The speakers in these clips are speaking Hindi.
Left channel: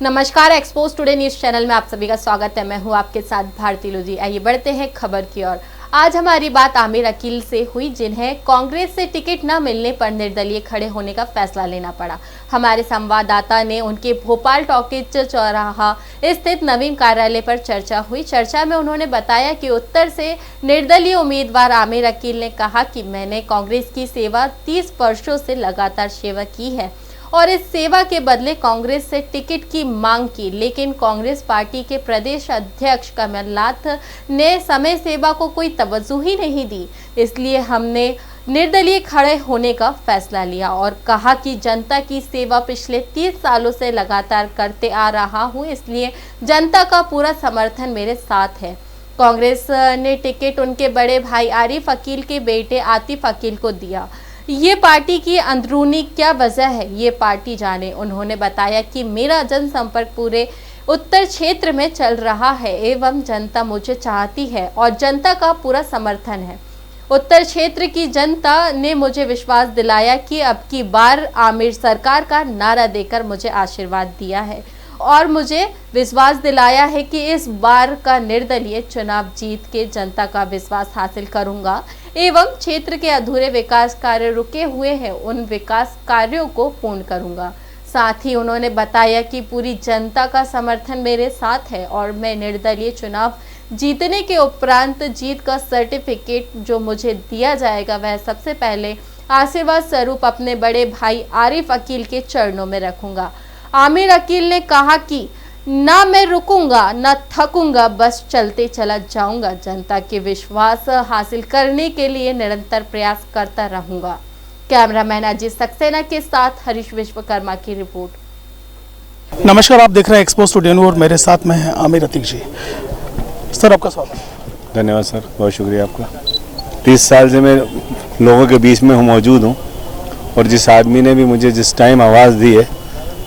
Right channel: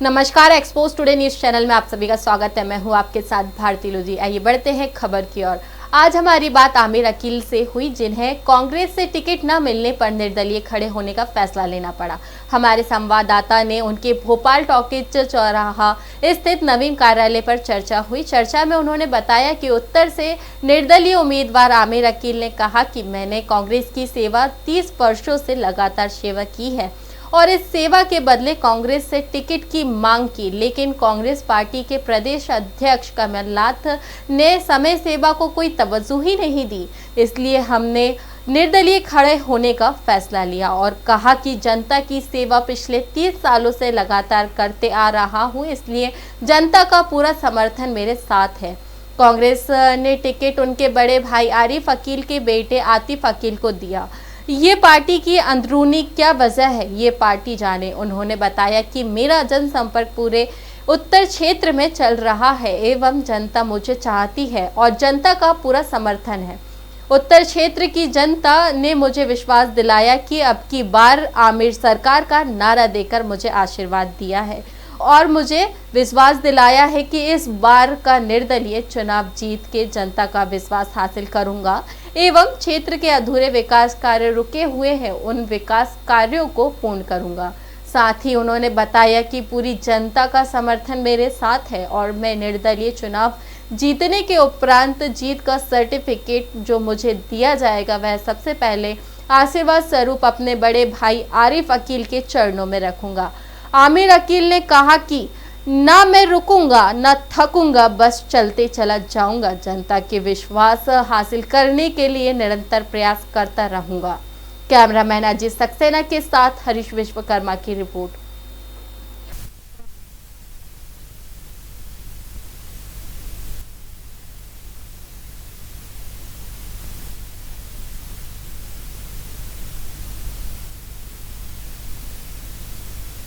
नमस्कार, एक्सपोज टुडे न्यूज चैनल में आप सभी का स्वागत है। मैं हूं आपके साथ भारती लोधी। आइए बढ़ते हैं खबर की ओर। आज हमारी बात आमिर अकील से हुई, जिन्हें कांग्रेस से टिकट न मिलने पर निर्दलीय खड़े होने का फैसला लेना पड़ा। हमारे संवाददाता ने उनके भोपाल टॉकीज चौराहा स्थित नवीन कार्यालय पर चर्चा हुई। चर्चा में उन्होंने बताया कि उत्तर से निर्दलीय उम्मीदवार आमिर अकील ने कहा कि मैंने कांग्रेस की सेवा 30 वर्षों से लगातार सेवा की है और इस सेवा के बदले कांग्रेस से टिकट की मांग की, लेकिन कांग्रेस पार्टी के प्रदेश अध्यक्ष कमलनाथ ने समय सेवा को कोई तवज्जो ही नहीं दी। इसलिए हमने निर्दलीय खड़े होने का फैसला लिया और कहा कि जनता की सेवा पिछले 30 सालों से लगातार करते आ रहा हूं, इसलिए जनता का पूरा समर्थन मेरे साथ है। कांग्रेस ने टिकट उनके बड़े भाई आरिफ अकील के बेटे आतिफ अकील को दिया। ये पार्टी की अंदरूनी क्या वजह है, ये पार्टी जाने। उन्होंने बताया कि मेरा जनसंपर्क पूरे उत्तर क्षेत्र में चल रहा है एवं जनता मुझे चाहती है और जनता का पूरा समर्थन है। उत्तर क्षेत्र की जनता ने मुझे विश्वास दिलाया कि अब की बार आमिर सरकार का नारा देकर मुझे आशीर्वाद दिया है और मुझे विश्वास दिलाया है कि इस बार का निर्दलीय चुनाव जीत के जनता का विश्वास हासिल करूंगा एवं क्षेत्र के अधूरे विकास कार्य रुके हुए हैं, उन विकास कार्यों को पूर्ण करूंगा। साथ ही उन्होंने बताया कि पूरी जनता का समर्थन मेरे साथ है और मैं निर्दलीय चुनाव जीतने के उपरांत जीत का सर्टिफिकेट जो मुझे दिया जाएगा वह सबसे पहले आशीर्वाद स्वरूप अपने बड़े भाई आरिफ अकील के चरणों में रखूंगा। आमिर अकील ने कहा कि ना मैं रुकूंगा ना थकूंगा, बस चलते चला जाऊंगा। जनता के विश्वास हासिल करने के लिए निरंतर प्रयास करता रहूंगा। कैमरामैन अजीत सक्सेना के साथ हरीश विश्वकर्मा की रिपोर्ट। नमस्कार, आप देख रहे हैं एक्सपोज टुडे और मेरे साथ में है आमिर अतीक जी। सर, आपका स्वागत। धन्यवाद सर, बहुत शुक्रिया आपका। 30 साल से मैं लोगों के बीच में मौजूद हूँ और जिस आदमी ने भी मुझे जिस टाइम आवाज़ दी है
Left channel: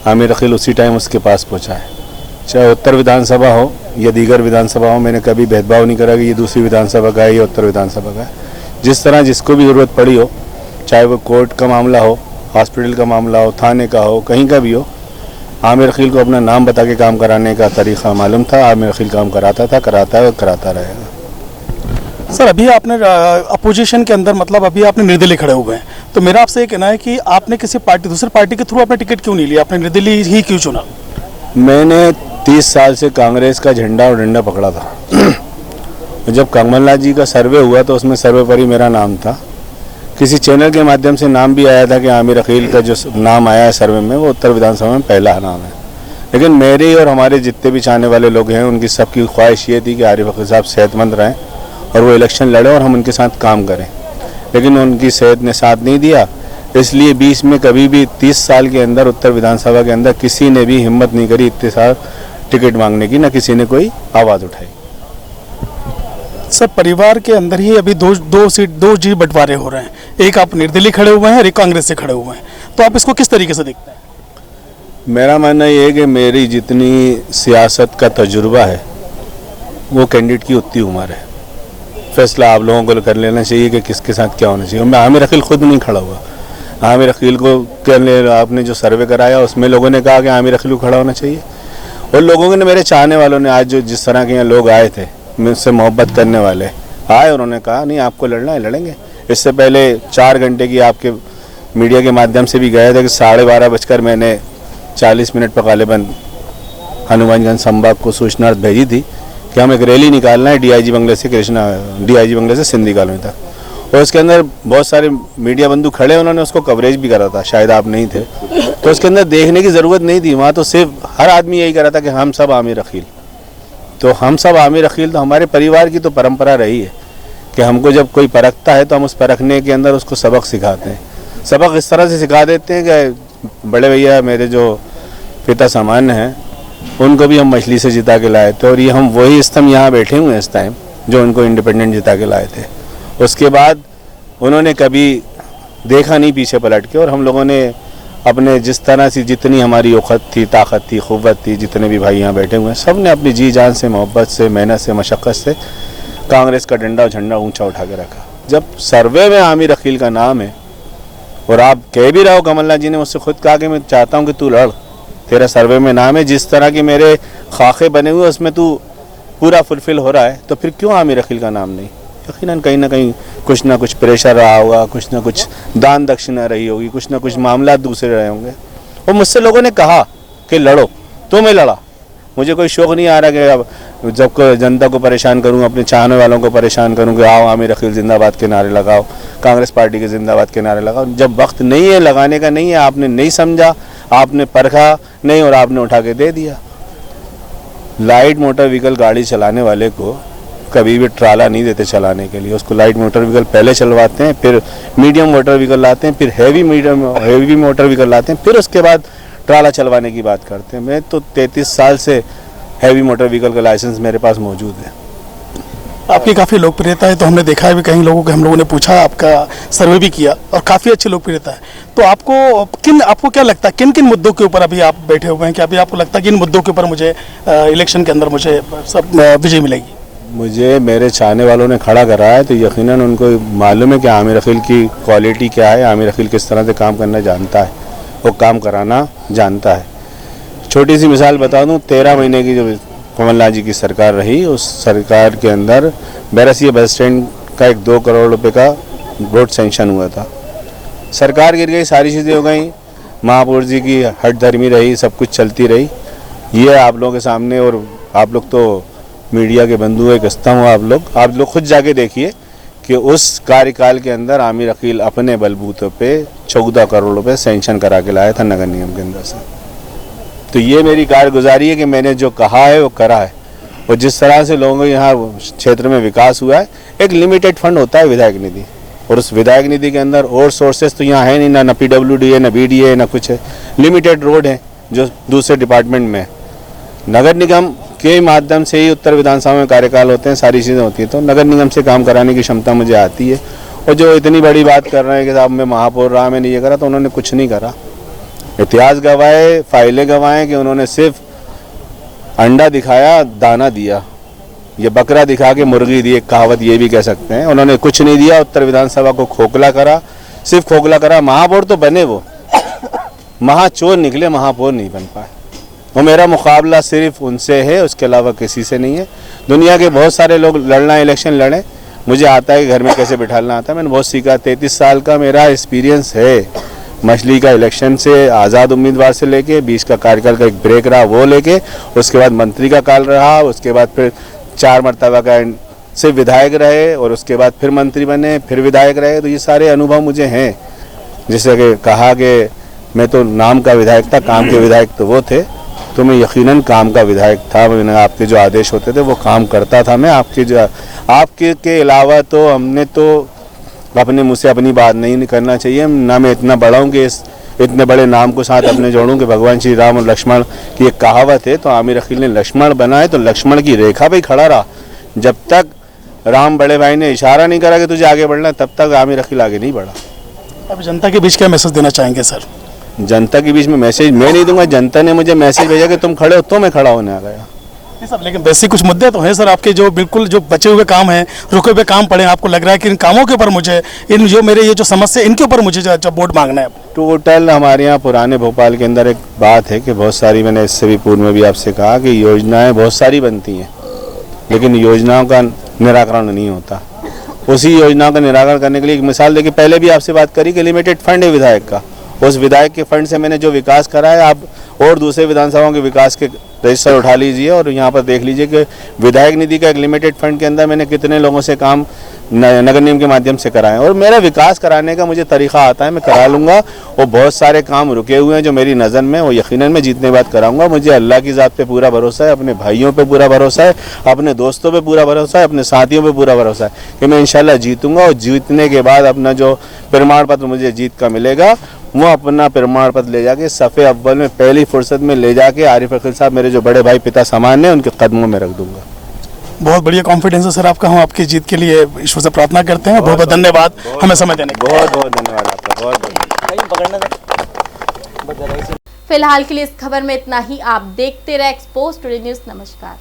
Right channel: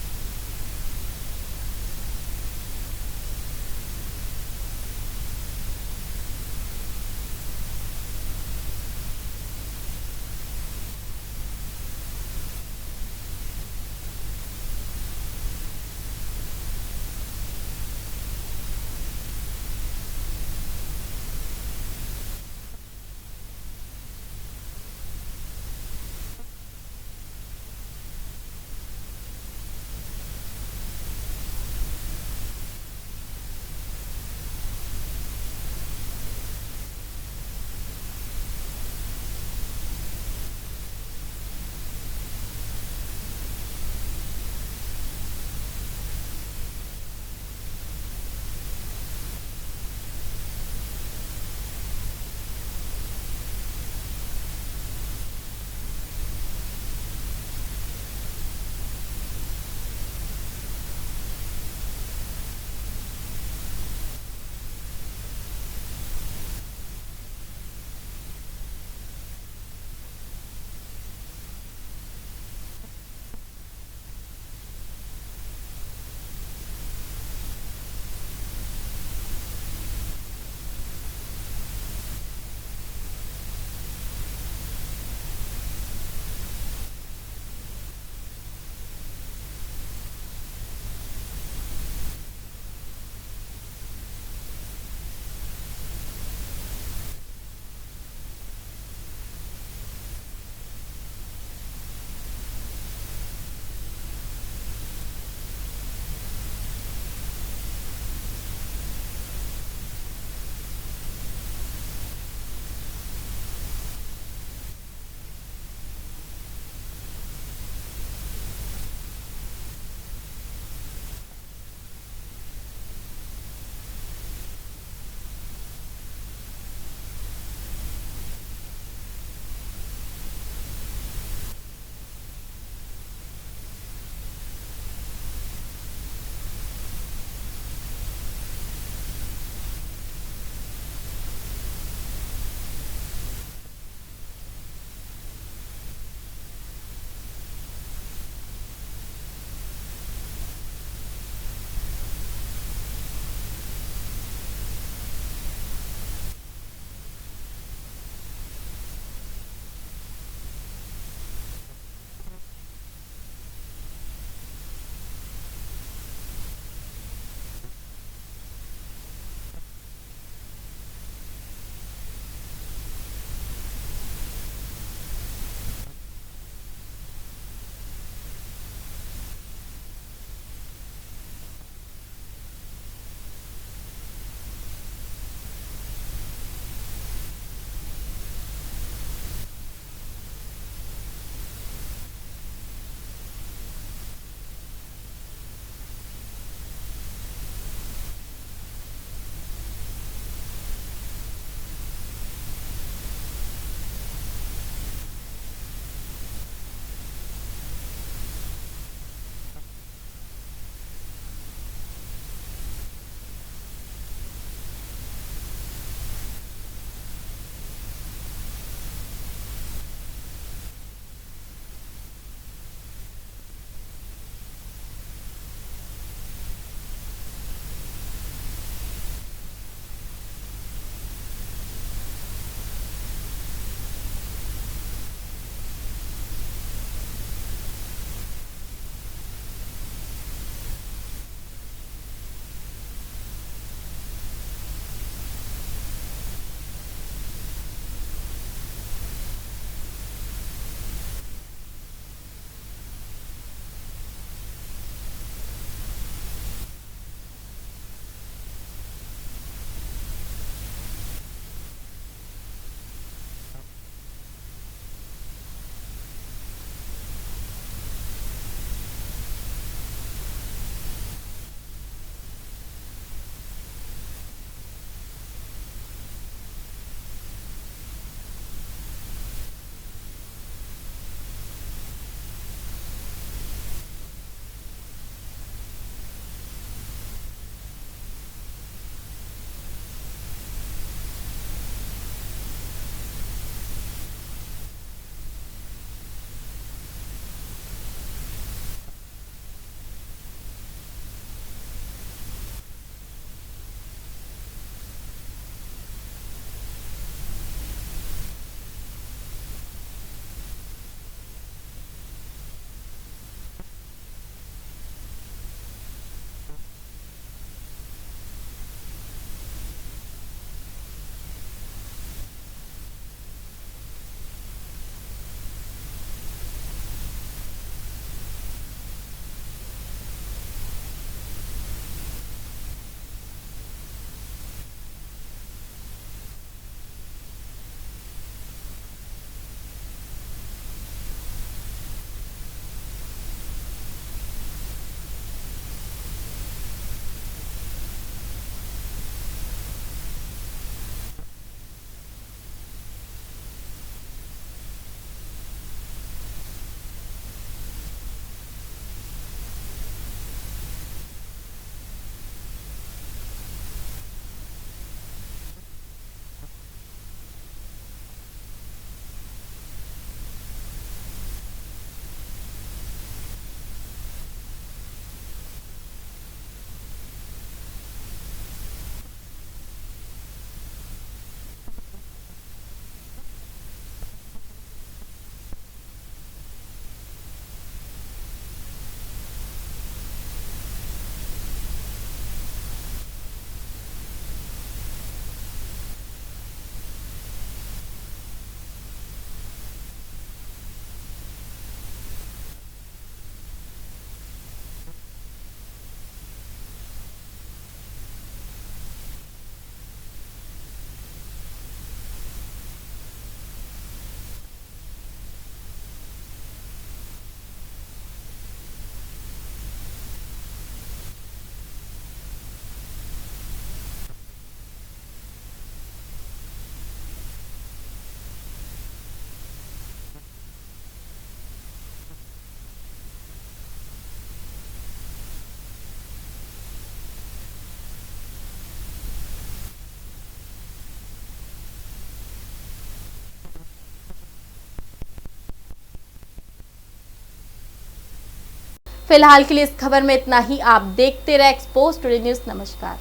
आमिर अकील उसी टाइम उसके पास पहुँचा है। चाहे उत्तर विधानसभा हो या दीगर विधानसभा हो, मैंने कभी भेदभाव नहीं करा कि ये दूसरी विधानसभा का है या उत्तर विधानसभा का है। जिस तरह जिसको भी ज़रूरत पड़ी हो, चाहे वो कोर्ट का मामला हो, हॉस्पिटल का मामला हो, थाने का हो, कहीं का भी हो, आमिर अकील को अपना नाम बता के काम कराने का तरीक़ा मालूम था। आमिर अकील काम कराता था, कराता है और कराता रहेगा। सर, अभी आपने अपोजिशन के अंदर मतलब अभी आपने निर्दलीय खड़े हुए हैं, तो मेरा आपसे ये कहना है कि आपने किसी पार्टी दूसरी पार्टी के थ्रू अपना टिकट क्यों नहीं लिया, आपने निर्दलीय ही क्यों चुना? मैंने 30 साल से कांग्रेस का झंडा और डंडा पकड़ा था। जब कमलनाथ जी का सर्वे हुआ तो उसमें सर्वे पर ही मेरा नाम था। किसी चैनल के माध्यम से नाम भी आया था कि आमिर अकील का जो नाम आया है सर्वे में वो उत्तर विधानसभा में पहला नाम है। लेकिन मेरे और हमारे जितने भी चाहने वाले लोग हैं उनकी सबकी ख्वाहिश ये थी कि आरिफ अकील साहब सेहतमंद रहें और वो इलेक्शन लड़े और हम उनके साथ काम करें, लेकिन उनकी सेहत ने साथ नहीं दिया। इसलिए 20 में कभी भी 30 साल के अंदर उत्तर विधानसभा के अंदर किसी ने भी हिम्मत नहीं करी इतने साल टिकट मांगने की, न किसी ने कोई आवाज़ उठाई। सर, परिवार के अंदर ही अभी दो जी बंटवारे हो रहे हैं, एक आप निर्दलीय खड़े हुए हैं और एक कांग्रेस से खड़े हुए हैं, तो आप इसको किस तरीके से देखते हैं? मेरा मानना ये है कि मेरी जितनी सियासत का तजुर्बा है वो कैंडिडेट की उतनी उम्र है। फैसला आप लोगों को कर लेना चाहिए कि किसके साथ क्या होना चाहिए। मैं आमिर अकील खुद नहीं खड़ा हुआ। आमिर अकील को आपने जो सर्वे कराया उसमें लोगों ने कहा कि आमिर अकील को खड़ा होना चाहिए, और लोगों ने, मेरे चाहने वालों ने, आज जो जिस तरह के यहाँ लोग आए थे मुझसे मोहब्बत करने वाले आए, उन्होंने कहा नहीं आपको लड़ना है, लड़ेंगे। इससे पहले 4 घंटे की आपके मीडिया के माध्यम से भी गए थे कि 12:30 बजकर मैंने 40 मिनट पर गालिबन हनुमानगंज संभाग को सूचना भेजी थी कि हम एक रैली निकालना है डीआईजी बंगले से सिंधी कॉलोनी तक, और उसके अंदर बहुत सारे मीडिया बंधु खड़े, उन्होंने उसको कवरेज भी करा था, शायद आप नहीं थे, तो उसके अंदर देखने की ज़रूरत नहीं थी। वहाँ तो सिर्फ हर आदमी यही करा था कि हम सब आमिर अकील। तो हम सब आमिर अकील तो हमारे परिवार की तो परंपरा रही है कि हमको जब कोई परखता है तो हम उस परखने के अंदर उसको सबक सिखाते हैं। सबक इस तरह से सिखा देते हैं कि बड़े भैया मेरे जो पिता सामान्य हैं उनको भी हम मछली से जिता के लाए थे, और ये हम वही स्तंभ यहाँ बैठे हुए हैं इस टाइम जो उनको इंडिपेंडेंट जिता के लाए थे। उसके बाद उन्होंने कभी देखा नहीं पीछे पलट के, और हम लोगों ने अपने जिस तरह से जितनी हमारी औक़त थी, ताकत थी, क़ुव्वत थी, जितने भी भाई यहाँ बैठे हुए हैं सब ने अपनी जी जान से, मोहब्बत से, मेहनत से, मशक्क़त से कांग्रेस का डंडा और झंडा ऊंचा उठा के रखा। जब सर्वे में आमिर अकील का नाम है और आप कह भी रहे हो, कमलनाथ जी ने मुझसे खुद कहा कि मैं चाहता हूँ कि तू लड़, तेरा सर्वे में नाम है, जिस तरह के मेरे खाके बने हुए उसमें तू पूरा फुलफिल हो रहा है, तो फिर क्यों आमिर अकील का नाम नहीं? यकीनन कहीं ना कहीं कुछ ना कुछ प्रेशर रहा होगा, कुछ ना कुछ दान दक्षिणा रही होगी, कुछ ना कुछ मामला दूसरे रहे होंगे। और मुझसे लोगों ने कहा कि लड़ो, तो मैं लड़ा। मुझे कोई शौक़ नहीं आ रहा कि अब जब को जनता को परेशान करूँ, अपने चाहने वालों को परेशान करूँ कि आओ आमिर अकील जिंदाबाद के नारे लगाओ, कांग्रेस पार्टी के जिंदाबाद के नारे लगाओ। जब वक्त नहीं है, लगाने का नहीं है, आपने नहीं समझा, आपने परखा नहीं और आपने उठा के दे दिया। लाइट मोटर व्हीकल गाड़ी चलाने वाले को कभी भी ट्राला नहीं देते चलाने के लिए। उसको लाइट मोटर व्हीकल पहले चलवाते हैं, फिर मीडियम मोटर व्हीकल लाते हैं, फिर हैवी मोटर व्हीकल लाते हैं, फिर उसके बाद ट्राला चलवाने की बात करते हैं। मैं तो 33 साल से हैवी मोटर व्हीकल का लाइसेंस मेरे पास मौजूद है। आपकी काफ़ी लोकप्रियता है, तो हमने देखा है भी कई लोगों को, हम लोगों ने पूछा, आपका सर्वे भी किया और काफ़ी अच्छी लोकप्रियता है। तो आपको क्या लगता है किन किन मुद्दों के ऊपर अभी आप बैठे हुए हैं? कि अभी आपको लगता है कि इन मुद्दों के ऊपर मुझे इलेक्शन के अंदर मुझे सब विजय मिलेगी? मुझे मेरे चाहने वालों ने खड़ा करा है, तो यकीनन उनको मालूम है कि आमिर अकील की क्वालिटी क्या है, आमिर अकील किस तरह से काम करना जानता है, वो काम कराना जानता है। छोटी सी मिसाल बता दूं, 13 महीने की जो कमलनाथ जी की सरकार रही, उस सरकार के अंदर बैरसिया बस स्टैंड का 2 करोड़ रुपए का रोड सेंक्शन हुआ था। सरकार गिर गई, सारी चीज़ें हो गई, महापौर जी की हठधर्मी रही, सब कुछ चलती रही। ये आप लोगों के सामने, और आप लोग तो मीडिया के बंधु है, कसता हूँ, आप लोग खुद जाके देखिए कि उस कार्यकाल के अंदर आमिर अकील अपने बलबूते पे 14 करोड़ रुपए सेंक्शन करा के लाया था नगर निगम के अंदर से। तो ये मेरी कारगुजारी है कि मैंने जो कहा है वो करा है। और जिस तरह से लोगों के यहाँ क्षेत्र में विकास हुआ है, एक लिमिटेड फंड होता है विधायक निधि, और उस विधायक निधि के अंदर और सोर्सेस तो यहाँ है नहीं, ना PWD है, ना BDA है, ना कुछ है। लिमिटेड रोड है जो दूसरे डिपार्टमेंट में है। नगर निगम के माध्यम से ही उत्तर विधानसभा में कार्यकाल होते हैं, सारी चीज़ें होती हैं, तो नगर निगम से काम कराने की क्षमता मुझे आती है। और जो इतनी बड़ी बात कर रहे हैं कि साहब मैं महापौर रहा, मैंने ये करा, तो उन्होंने कुछ नहीं करा। इतिहास गवाए, फाइलें गवाएं कि उन्होंने सिर्फ अंडा दिखाया, दाना दिया, ये बकरा दिखा के मुर्गी दी, एक कहावत ये भी कह सकते हैं। उन्होंने कुछ नहीं दिया, उत्तर विधानसभा को खोखला करा, सिर्फ खोखला करा। महापौर तो बने, वो महाचोर निकले, महापौर नहीं बन पाए। वो मेरा मुकाबला सिर्फ उनसे है, उसके अलावा किसी से नहीं है। दुनिया के बहुत सारे लोग लड़ना, इलेक्शन लड़े, मुझे आता है कि घर में कैसे बिठाना आता है, मैंने बहुत सीखा। 33 साल का मेरा एक्सपीरियंस है। मछली का इलेक्शन से आज़ाद उम्मीदवार से लेके 20 का कार्यकाल का एक ब्रेक रहा, वो लेके उसके बाद मंत्री का काल रहा, उसके बाद फिर 4 मरतबा का सिर्फ विधायक रहे, और उसके बाद फिर मंत्री बने, फिर विधायक रहे। तो ये सारे अनुभव मुझे हैं। जैसे कि कहा कि मैं तो नाम का विधायक था, काम के विधायक तो वो थे, तो मैं यकीनन काम का विधायक था। मैंने आपके जो आदेश होते थे वो काम करता था मैं। आपके के अलावा तो हमने तो अपने मुँह से अपनी बात नहीं करना चाहिए। ना मैं इतना बड़ा हूँ कि इस इतने बड़े नाम को साथ अपने जोड़ूं कि भगवान श्री राम और लक्ष्मण की एक कहावत है, तो आमिर अकील ने लक्ष्मण बनाए तो लक्ष्मण की रेखा पे खड़ा रहा। जब तक राम बड़े भाई ने इशारा नहीं करा कि तुझे आगे बढ़ना, तब तक आमिर अकील आगे नहीं बढ़ा। अब जनता के बीच क्या मैसेज देना चाहेंगे सर? जनता के बीच में मैसेज मैं नहीं दूंगा, जनता ने मुझे मैसेज भेजा कि तुम खड़े हो, तो मैं खड़ा होने आ गया। सर लेकिन वैसे कुछ मुद्दे तो हैं सर आपके, जो बिल्कुल जो बचे हुए काम हैं, रुके हुए काम पड़े हैं, आपको लग रहा है कि इन कामों के ऊपर मुझे, इन जो मेरे ये जो समस्या, इनके ऊपर मुझे जो वोट मांगना है? टोटल हमारे यहाँ पुराने भोपाल के अंदर एक बात है कि बहुत सारी, मैंने इससे भी पूर्व में भी आपसे कहा कि योजनाएं बहुत सारी बनती हैं, लेकिन योजनाओं का निराकरण नहीं होता। उसी योजनाओं का निराकरण करने के लिए एक मिसाल देखिए, पहले भी आपसे बात करी कि लिमिटेड फंड है विधायक का, उस विधायक के फंड से मैंने जो विकास करा है, आप और दूसरे विधानसभाओं के विकास के रजिस्टर उठा लीजिए और यहाँ पर देख लीजिए कि विधायक निधि का एक लिमिटेड फंड के अंदर मैंने कितने लोगों से काम नगर निगम के माध्यम से कराए। और मेरा विकास कराने का मुझे तरीका आता है, मैं करा लूँगा। और बहुत सारे काम रुके हुए हैं जो मेरी नज़र में, वो यकीनन मैं जीतने बाद कराऊंगा। मुझे अल्लाह की ज़ात पे पूरा भरोसा है, अपने भाइयों पे पूरा भरोसा है, अपने दोस्तों पे पूरा भरोसा है, अपने साथियों पे पूरा भरोसा है कि मैं इंशाल्लाह जीतूँगा। और जीतने के बाद अपना जो प्रमाण पत्र मुझे जीत का मिलेगा, वो अपना प्रमाण पत्र ले जाके सफ़े अव्वल में पहली फुर्सत में ले जाके आरिफ अकील साहब, मेरे जो बड़े भाई पिता समान हैं, उनके कदमों में रख दूंगा। बहुत बढ़िया कॉन्फिडेंस है सर आपका, हम आपकी जीत के लिए ईश्वर से प्रार्थना करते हैं। बहुत बहुत धन्यवाद हमें समय देने के लिए। बहुत बहुत धन्यवाद आपका, बहुत बहुत। फिलहाल के लिए इस खबर में इतना ही। आप देखते रहे एक्सपोज टुडे न्यूज़। नमस्कार।